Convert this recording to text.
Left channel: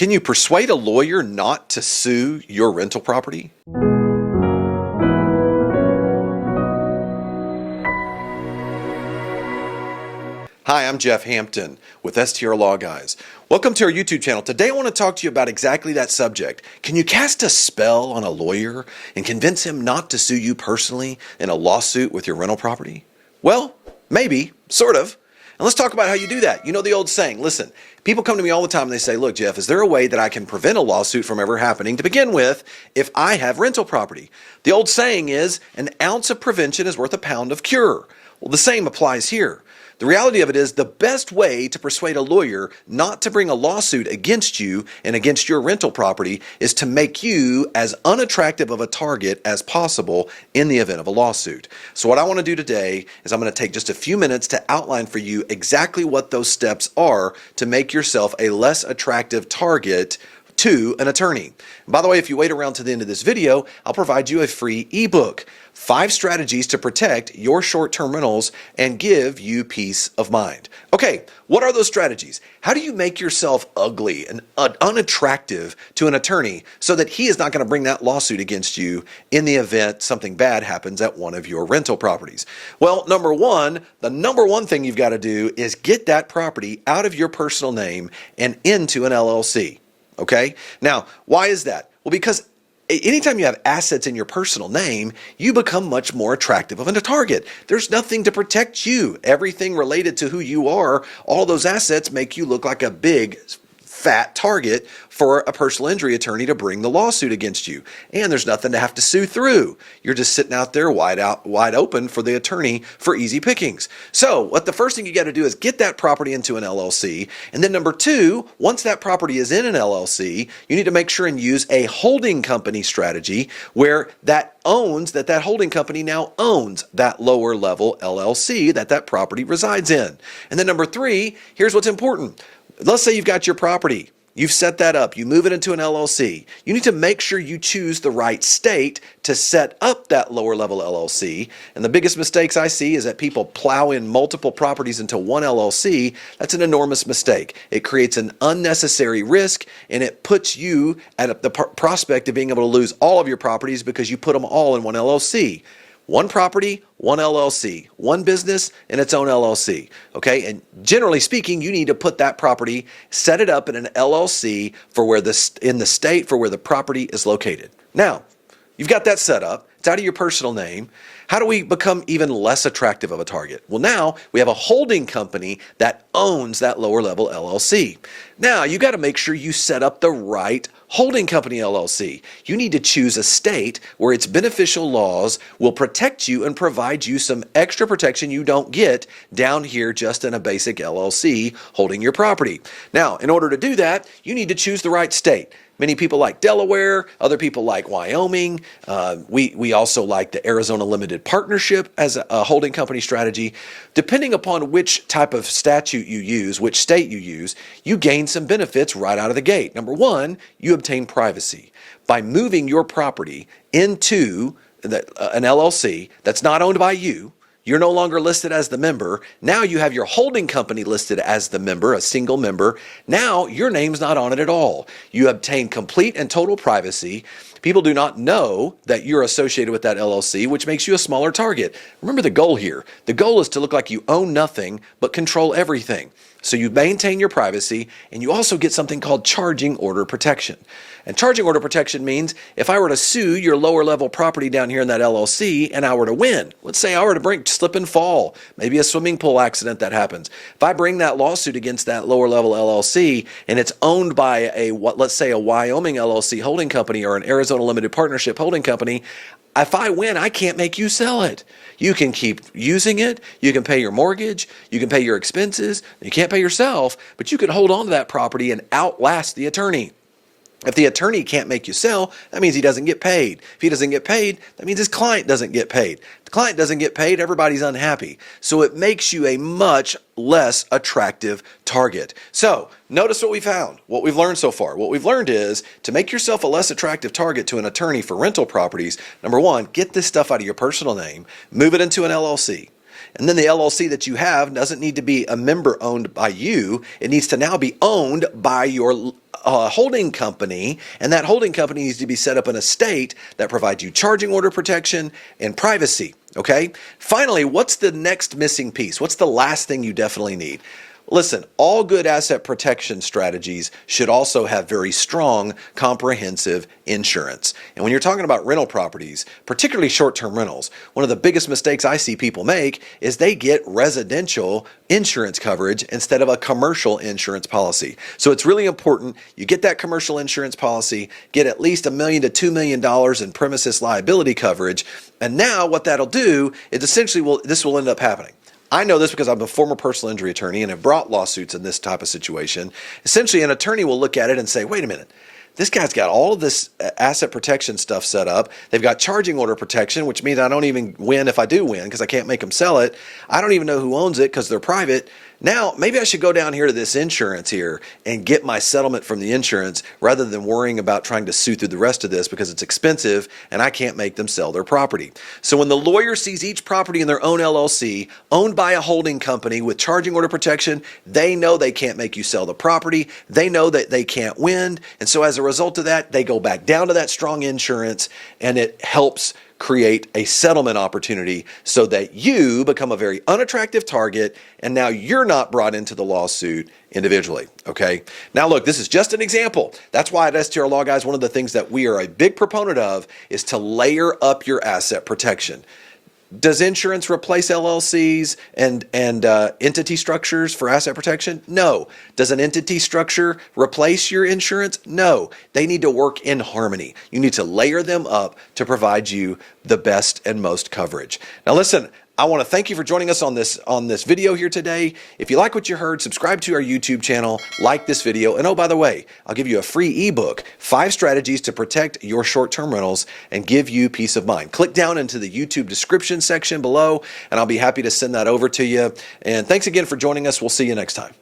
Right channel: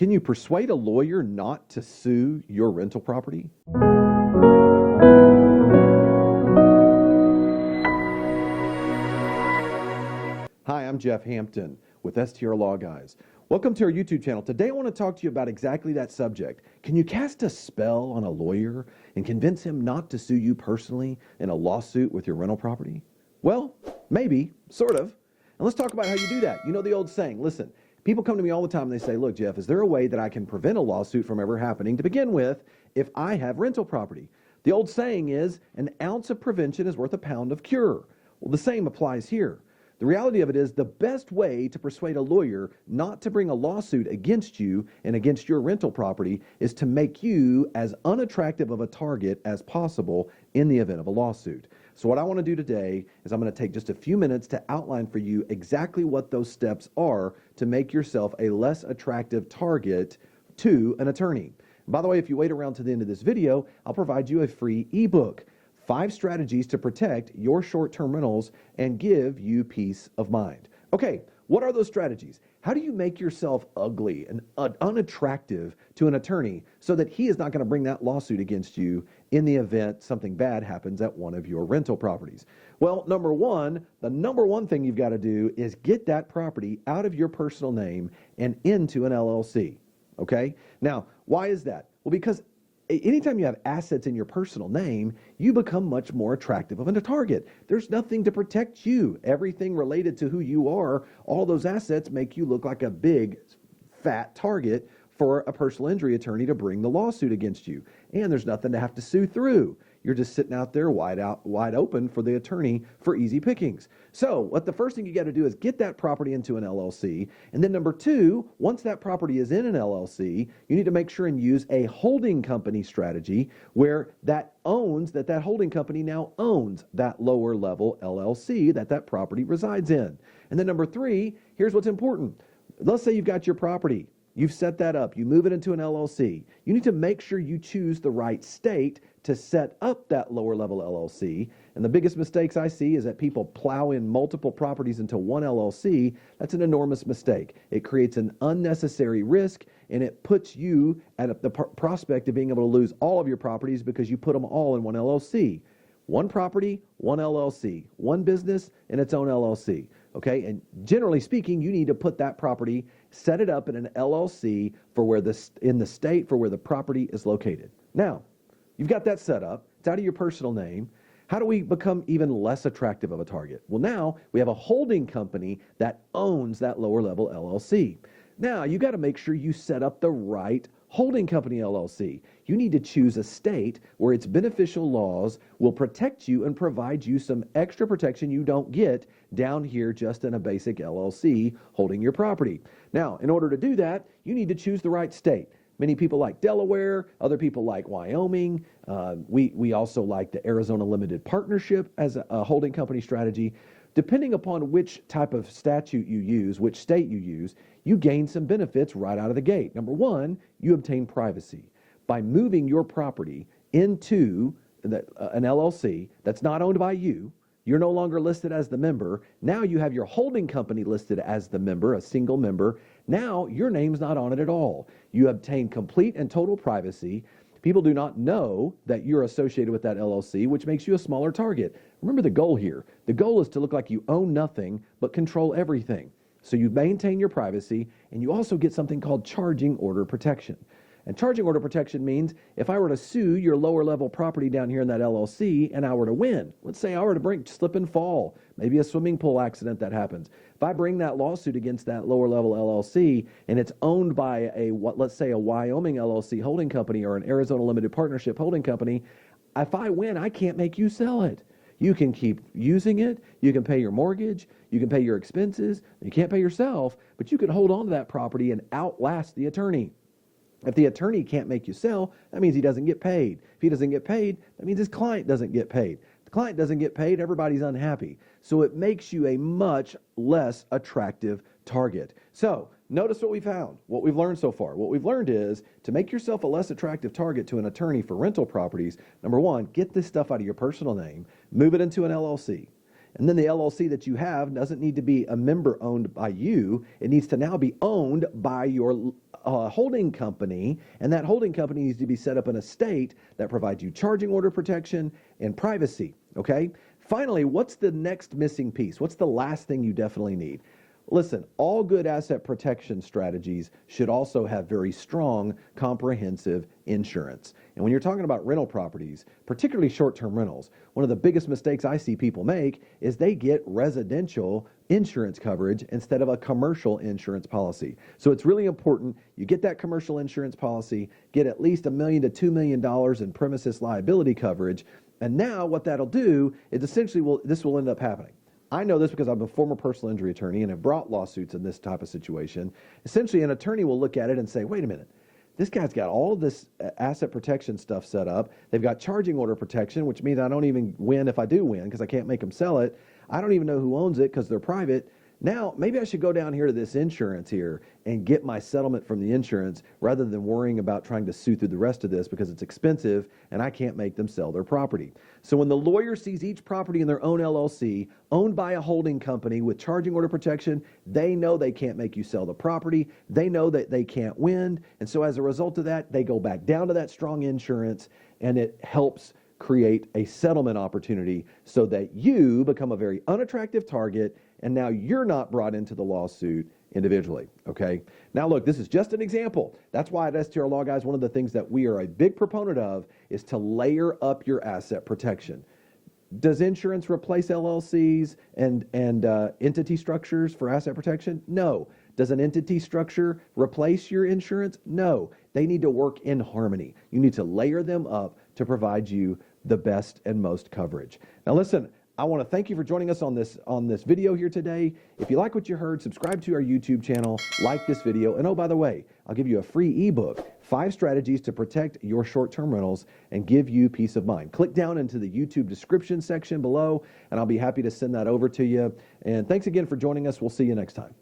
Can you persuade a lawyer not to sue your rental property? Hi, I'm Jeff Hampton with STR Law Guys. Welcome to our YouTube channel. Today I want to talk to you about exactly that subject. Can you cast a spell on a lawyer and convince him not to sue you personally in a lawsuit with your rental property? Well, maybe, sort of. And let's talk about how you do that. You know the old saying, listen, people come to me all the time and they say, look, Jeff, is there a way that I can prevent a lawsuit from ever happening to begin with if I have rental property? The old saying is, an ounce of prevention is worth a pound of cure. Well, the same applies here. The reality of it is the best way to persuade a lawyer not to bring a lawsuit against you and against your rental property is to make you as unattractive of a target as possible in the event of a lawsuit. So what I want to do today is I'm going to take just a few minutes to outline for you exactly what those steps are to make yourself a less attractive target to an attorney. By the way, if you wait around to the end of this video, I'll provide you a free ebook, 5 strategies to protect your short-term rentals and give you peace of mind. Okay, what are those strategies? How do you make yourself ugly and unattractive to an attorney so that he is not going to bring that lawsuit against you in the event something bad happens at one of your rental properties? Well, the number one thing you've got to do is get that property out of your personal name and into an LLC. Okay? Now, why is that? Well, because anytime you have assets in your personal name, you become much more attractive of a target. There's nothing to protect you. Everything related to who you are, all those assets make you look like a big, fat target for a personal injury attorney to bring the lawsuit against you. And there's nothing to have to sue through. You're just sitting out there wide open for the attorney for easy pickings. So the first thing you got to do is get that property into an LLC. And then number 2, once that property is in an LLC, you need to make sure and use a holding company strategy where that holding company now owns that lower level LLC that property resides in. And then number 3, here's what's important. Let's say you've got your property. You've set that up. You move it into an LLC. You need to make sure you choose the right state to set up that lower level LLC. And the biggest mistakes I see is that people plow in multiple properties into one LLC. That's an enormous mistake. It creates an unnecessary risk, and it puts you at the prospect of being able to lose all of your properties because you put them all in one LLC. One property, one LLC, one business, and its own LLC, okay? And generally speaking, you need to put that property, set it up in an LLC in the state for where the property is located. Now, you've got that set up. It's out of your personal name. How do we become even less attractive of a target? Well, now we have a holding company that owns that lower level LLC. Now, you got to make sure you set up the right holding company LLC. You need to choose a state where its beneficial laws will protect you and provide you some extra protection you don't get down here just in a basic LLC holding your property. Now, in order to do that, you need to choose the right state. Many people like Delaware, other people like Wyoming. We also like the Arizona Limited Partnership as a holding company strategy. Depending upon which type of statute you use, which state you use, you gain some benefits right out of the gate. Number 1, you obtain privacy. By moving your property into an LLC that's not owned by you, you're no longer listed as the member. Now you have your holding company listed as the member, a single member. Now your name's not on it at all. You obtain complete and total privacy. People do not know that you're associated with that LLC, which makes you a smaller target. Remember the goal here. The goal is to look like you own nothing but control everything. So you maintain your privacy, and you also get something called charging order protection. And charging order protection means if I were to sue your lower level property down here in that LLC and I were to win, let's say I were to slip and fall, maybe a swimming pool accident that happens. If I bring that lawsuit against that lower level LLC and it's owned by let's say a Wyoming LLC holding company or an Arizona Limited Partnership holding company, if I win, I can't make you sell it. You can keep using it. You can pay your mortgage. You can pay your expenses. You can't pay yourself, but you can hold on to that property and outlast the attorney. If the attorney can't make you sell, that means he doesn't get paid. If he doesn't get paid, that means his client doesn't get paid. If the client doesn't get paid, everybody's unhappy. So it makes you a much less attractive target. So notice what we found, what we've learned so far. What we've learned is to make yourself a less attractive target to an attorney for rental properties, number 1, get this stuff out of your personal name, move it into an LLC. And then the LLC that you have doesn't need to be a member owned by you. It needs to now be owned by your holding company, and that holding company needs to be set up in a state that provides you charging order protection and privacy. Okay. Finally, what's the next missing piece? What's the last thing you definitely need? Listen, all good asset protection strategies should also have very strong, comprehensive insurance. And when you're talking about rental properties, particularly short-term rentals, one of the biggest mistakes I see people make is they get residential insurance coverage instead of a commercial insurance policy. So it's really important you get that commercial insurance policy, get at least $1 million to $2 million in premises liability coverage. And now what that'll do is essentially this will end up happening. I know this because I'm a former personal injury attorney and have brought lawsuits in this type of situation. Essentially, an attorney will look at it and say, wait a minute, this guy's got all of this asset protection stuff set up. They've got charging order protection, which means I don't even win if I do win because I can't make them sell it. I don't even know who owns it because they're private. Now, maybe I should go down here to this insurance here and get my settlement from the insurance rather than worrying about trying to sue through the rest of this because it's expensive and I can't make them sell their property. So when the lawyer sees each property in their own LLC owned by a holding company with charging order protection, they know they can't make you sell the property. They know that they can't win. And so as a result of that, they go back down to that strong insurance, and it helps create a settlement opportunity so that you become a very unattractive target, and now you're not brought into the lawsuit individually. Okay. Now look, this is just an example. That's why at STR Law Guys, one of the things that we are a big proponent of is to layer up your asset protection. Does insurance replace LLCs and entity structures for asset protection? No. Does an entity structure replace your insurance? No. They need to work in harmony. You need to layer them up to provide you the best and most coverage. Now listen, I want to thank you for joining us on this video here today. If you like what you heard, subscribe to our YouTube channel, like this video, and oh, by the way, I'll give you a free ebook, 5 strategies to protect your short-term rentals and give you peace of mind. Click down into the YouTube description section below, and I'll be happy to send that over to you. And thanks again for joining us. We'll see you next time.